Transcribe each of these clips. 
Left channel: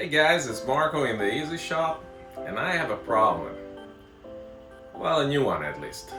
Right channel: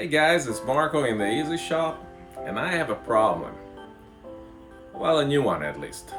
Hey guys, it's Marco in the Easy Shop, and I have a problem. Well, a new one at least.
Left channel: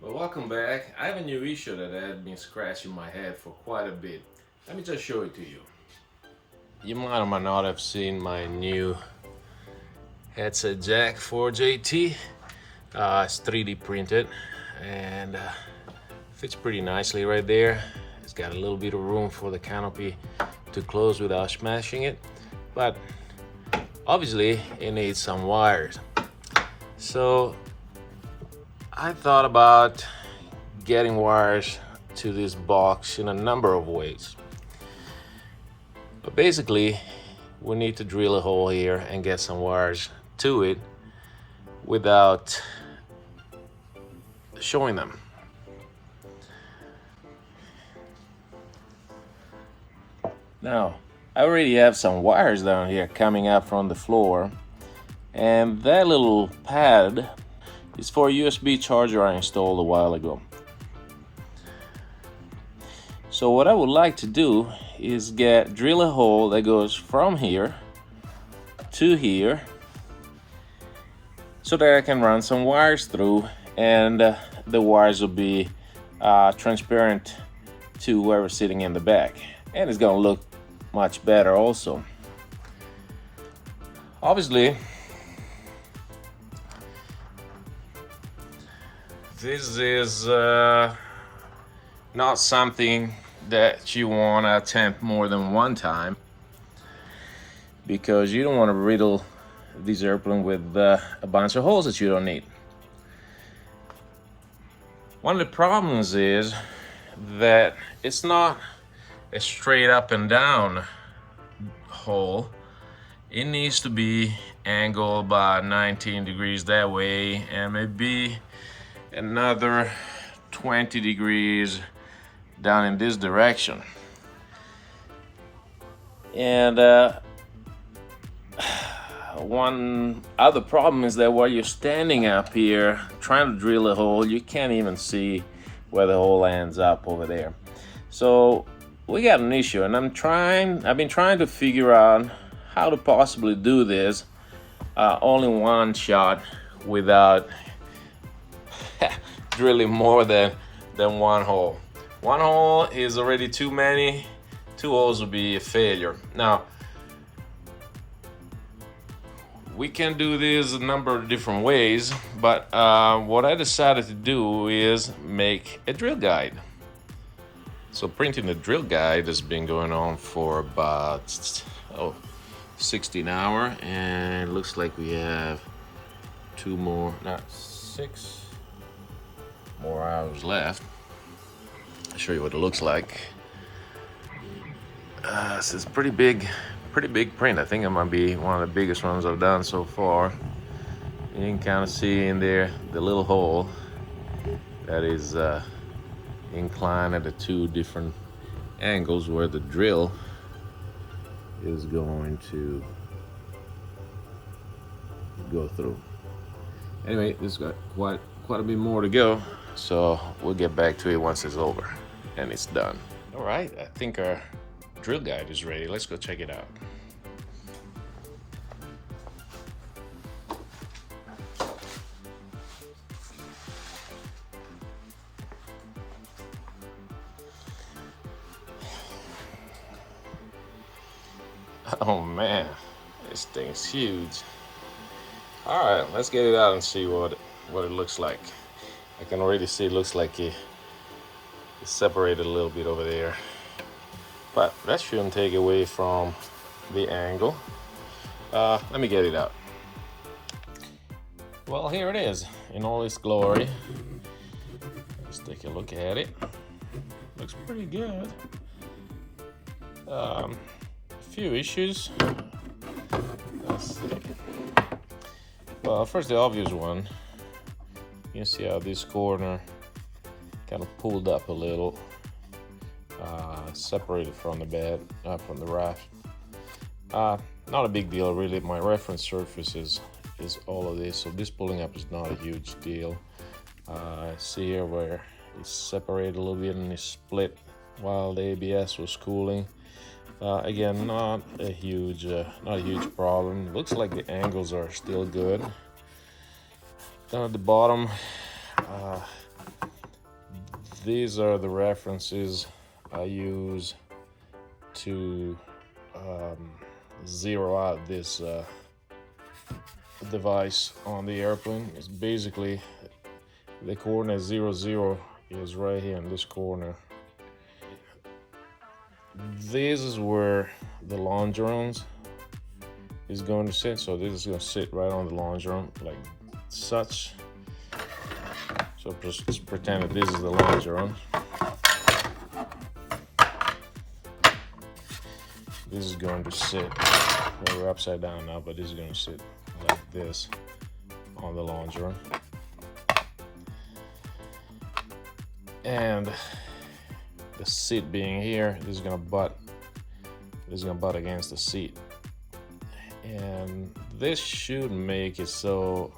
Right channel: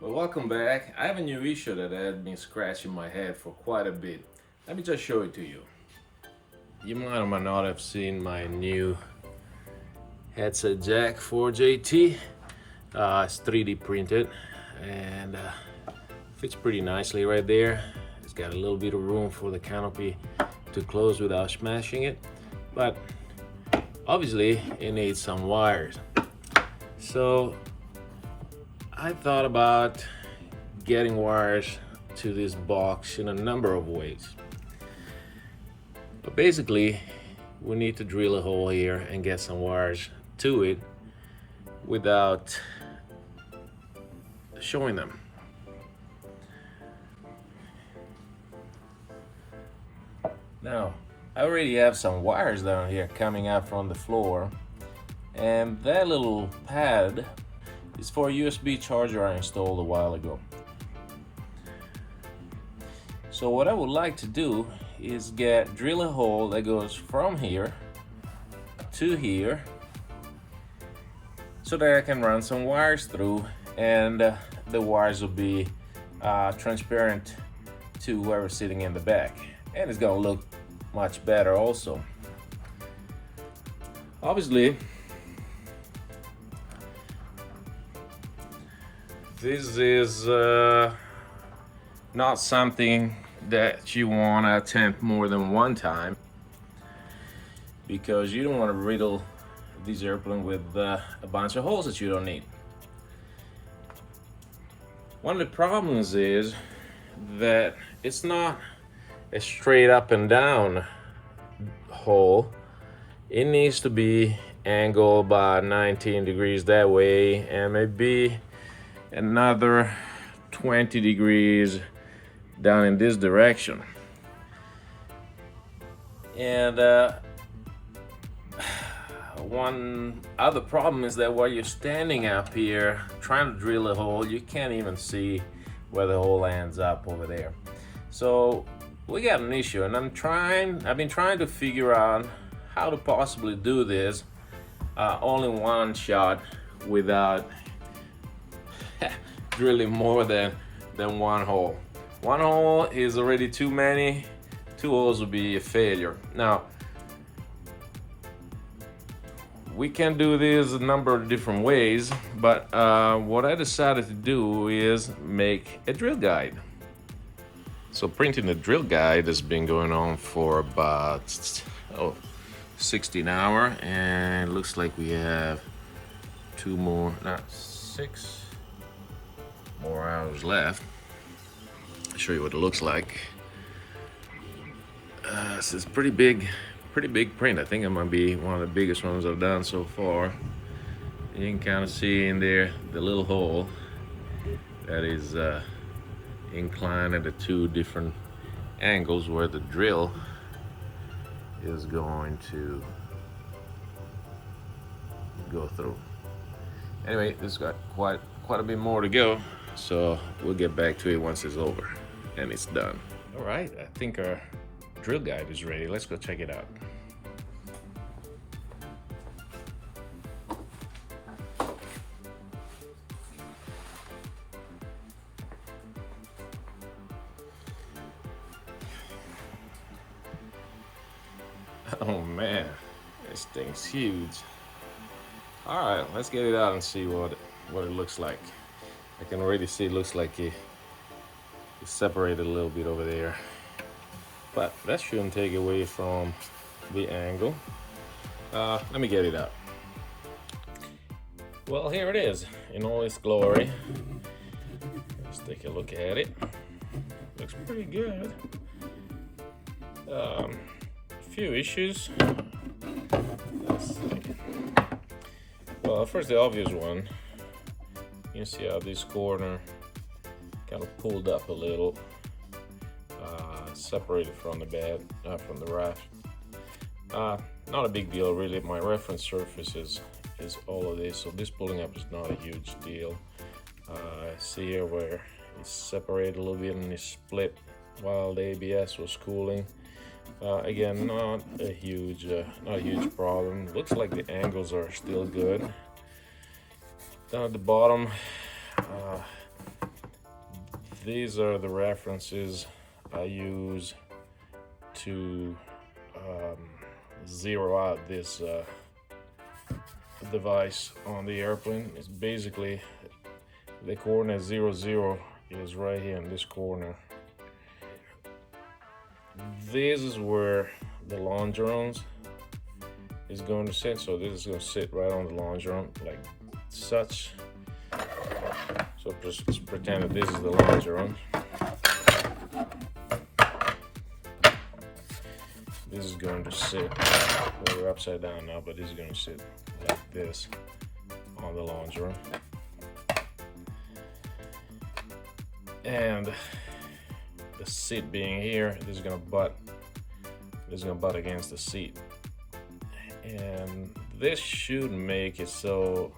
Well, welcome back. I have a new issue that had been scratching my head for quite a bit. Let me just show it to you. You might or might not have seen my new headset jack for JT. It's 3D printed and fits pretty nicely right there. It's got a little bit of room for the canopy to close without smashing it, but obviously it needs some wires. So I thought about getting wires to this box in a number of ways. But basically, we need to drill a hole here and get some wires to it without showing them. Now, I already have some wires down here coming up from the floor, and that little pad is for a USB charger I installed a while ago. So what I would like to do is drill a hole that goes from here to here so that I can run some wires through, and the wires will be transparent to whoever's sitting in the back, and it's gonna look much better also. Obviously, this is not something that you want to attempt more than one time, because you don't want to riddle this airplane with a bunch of holes that you don't need. One of the problems is that it's not a straight up and down hole. It needs to be angled by 19 degrees that way, and maybe another 20 degrees down in this direction. And one other problem is that while you're standing up here trying to drill a hole, you can't even see where the hole ends up over there. So we got an issue, and I've been trying to figure out how to possibly do this only one shot without drilling more than one hole. One hole is already too many. Two holes would be a failure. Now, we can do this a number of different ways, but what I decided to do is make a drill guide. So printing the drill guide has been going on for about 16 hours, and it looks like we have 6 more hours left. I'll show you what it looks like. So it's pretty big print. I think it might be one of the biggest ones I've done so far. You can kind of see in there the little hole that is inclined at the two different angles where the drill is going to go through. Anyway, this got quite a bit more to go, so we'll get back to it once it's over and it's done. All right, I think our drill guide is ready. Let's go check it out. Oh man, this thing's huge. All right, let's get it out and see what it looks like. I can already see it looks like it's separated a little bit over there. but that shouldn't take away from the angle. Let me get it out. Well, here it is in all its glory. Let's take a look at it. Looks pretty good. A few issues. Let's see. Well, first the obvious one. You see how this corner kind of pulled up a little, separated from the bed, from the raft. Not a big deal really. My reference surface is all of this, so this pulling up is not a huge deal. See here where it's separated a little bit and it's split while the ABS was cooling. Again, not a huge problem. It looks like the angles are still good. Down at the bottom, these are the references I use to zero out this device on the airplane. It's basically the coordinate 0, 0 is right here in this corner. This is where the longerons is going to sit, so this is going to sit right on the longeron like such. So just pretend that this is the longeron. This is going to sit, we're upside down now, but this is going to sit like this on the longeron. And the seat being here, this is going to butt against the seat. And this should make it so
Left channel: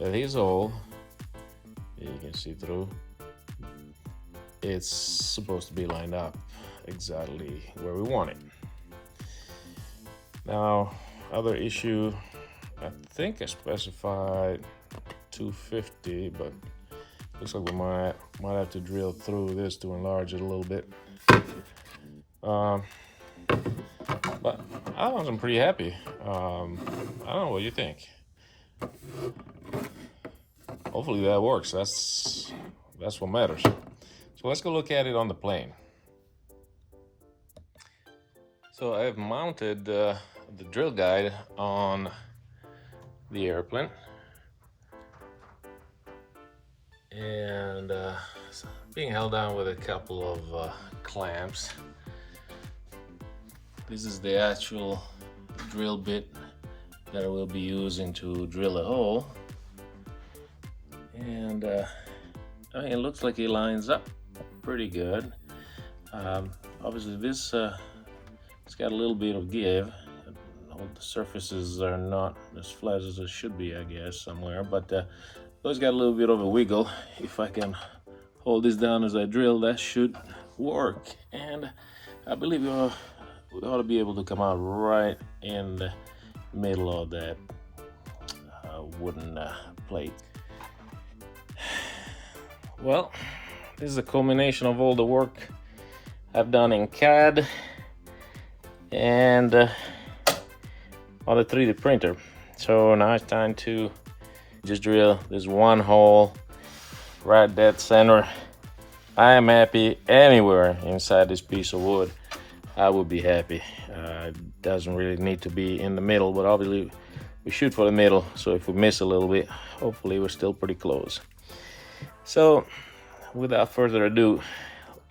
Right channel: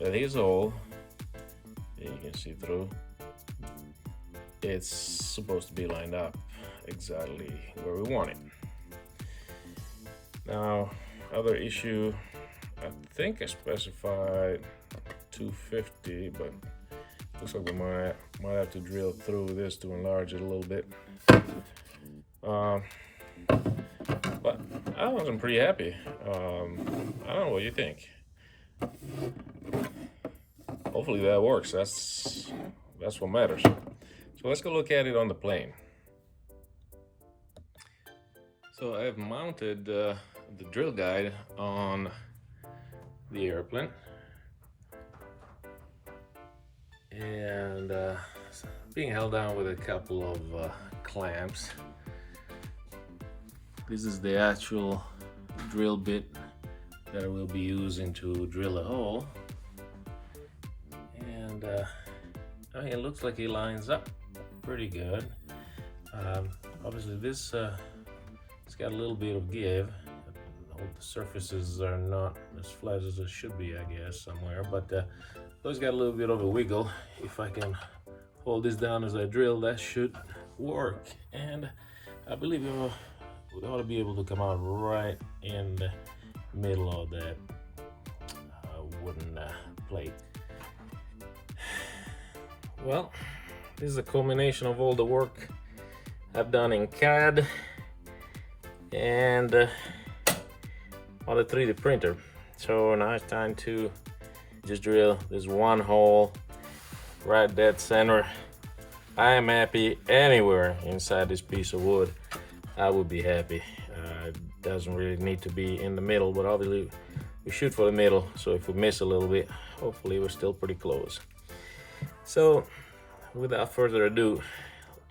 that his hole, you can see through, it's supposed to be lined up exactly where we want it. Now, other issue, I think I specified 250, but looks like we might have to drill through this to enlarge it a little bit. But I wasn't pretty happy. I don't know what you think. Hopefully that works. That's what matters. So let's go look at it on the plane. So I have mounted the drill guide on the airplane, and being held down with a couple of clamps. This is the actual drill bit that I will be using to drill a hole, and I mean, it looks like it lines up pretty good. Obviously this it's got a little bit of give. The surfaces are not as flat as it should be, I guess, somewhere, but those got a little bit of a wiggle. If I can hold this down as I drill, that should work, and I believe we ought to be able to come out right in the middle of that wooden plate. Well, this is a culmination of all the work I've done in CAD and on the 3D printer. So now it's time to just drill this one hole right dead center. I am happy anywhere inside this piece of wood. I would be happy. It doesn't really need to be in the middle, but obviously we shoot for the middle, so if we miss a little bit, hopefully we're still pretty close. So without further ado,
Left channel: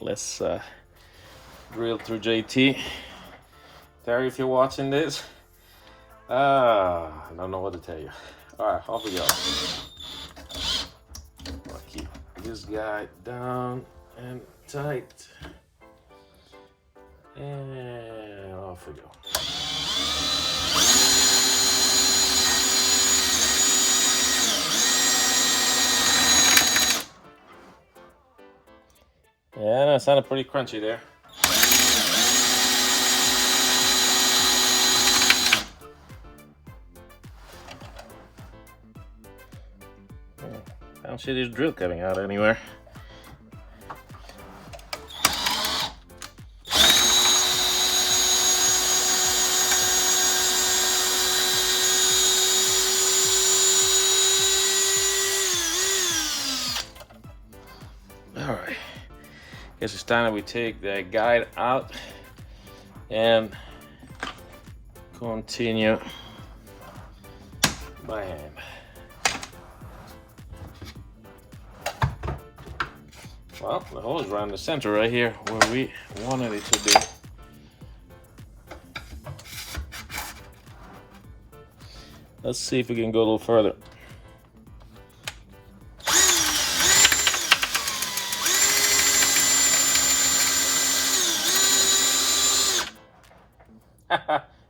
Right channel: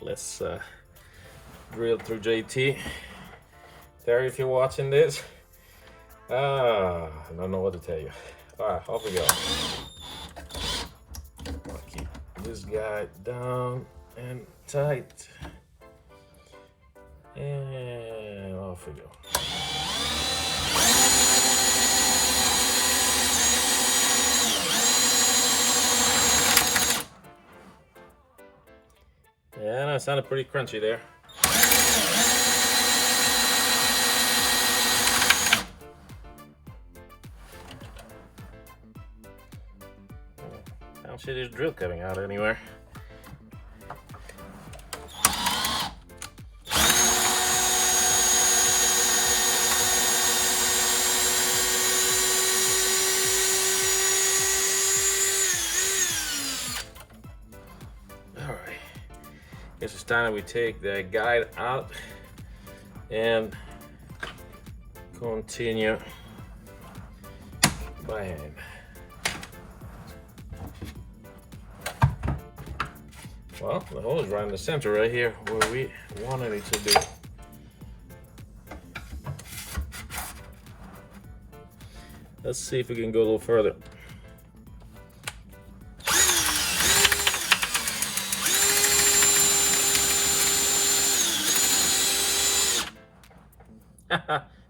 let's drill through JT. Terry, if you're watching this, I don't know what to tell you. All right, off we go. I'll keep this guy down and tight, and off we go. Yeah, that sounded pretty crunchy there. I don't see this drill coming out anywhere. All right, guess it's time that we take the guide out and continue by hand. Well, the hole is right in the center right here where we wanted it to be. Let's see if we can go a little further.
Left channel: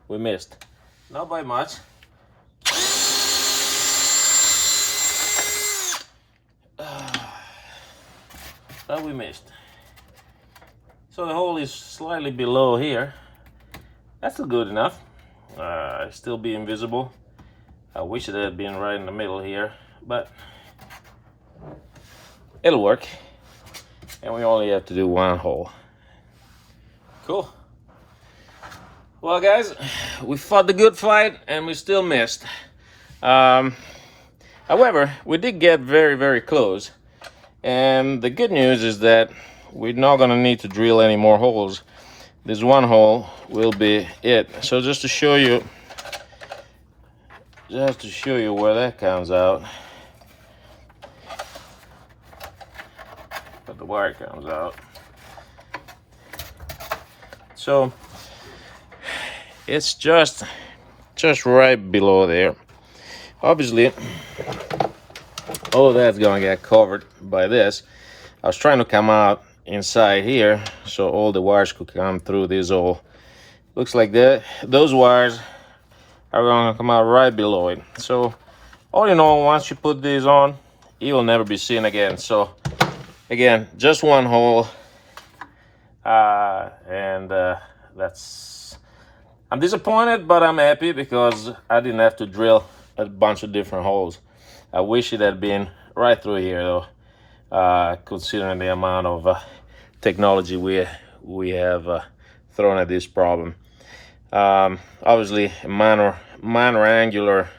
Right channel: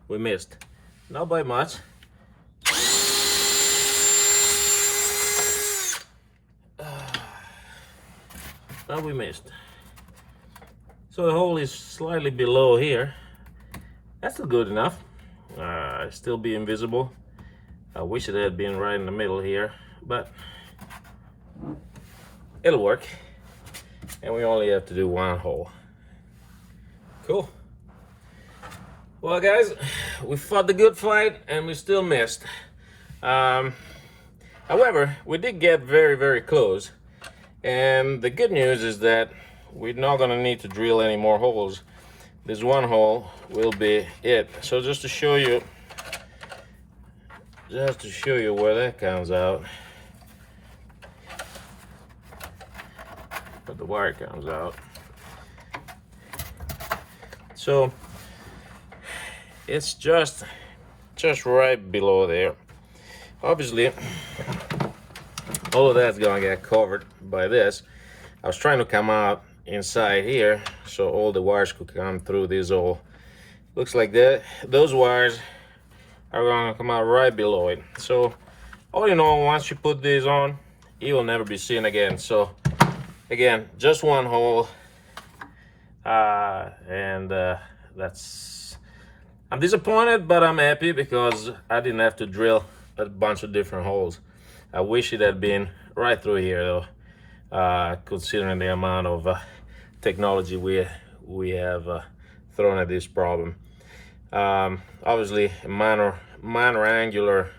We missed. Not by much. But we missed. So the hole is slightly below here. That's still good enough. Still be invisible. I wish it had been right in the middle here, but it'll work. And we only have to do one hole. Cool. Well, guys, we fought the good fight and we still missed. However, we did get very, very close. And the good news is that we're not gonna need to drill any more holes. This one hole will be it. So just to show you where that comes out, where the wire comes out. So it's just right below there. Obviously, all of that's gonna get covered by this. I was trying to come out inside here so all the wires could come through this hole. Looks like those wires are gonna come out right below it. So all in all, once you put these on, it will never be seen again. So again, just one hole, that's, I'm disappointed, but I'm happy because I didn't have to drill a bunch of different holes. I wish it had been right through here though, considering the amount of technology we have thrown at this problem. Obviously, a minor angular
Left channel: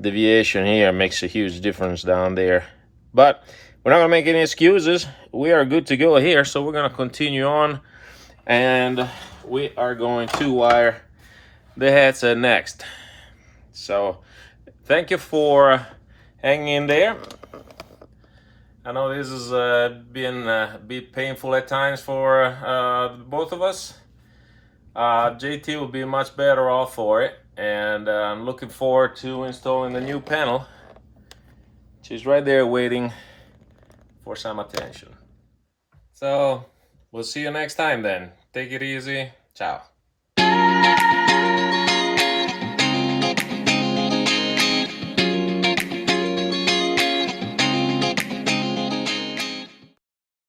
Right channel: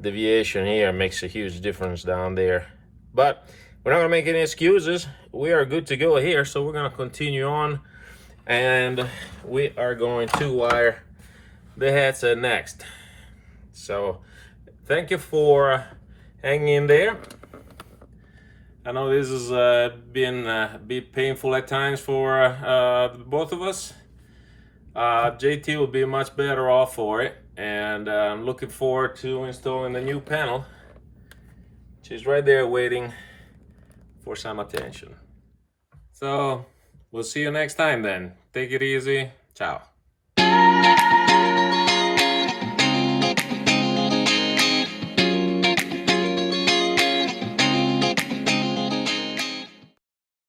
deviation here makes a huge difference down there. But we're not gonna make any excuses. We are good to go here, so we're gonna continue on, and we are going to wire the headset next. So thank you for hanging in there. I know this has been a bit painful at times for both of us. JT will be much better off for it, and I'm looking forward to installing the new panel. She's right there waiting for some attention. So we'll see you next time then. Take it easy. Ciao.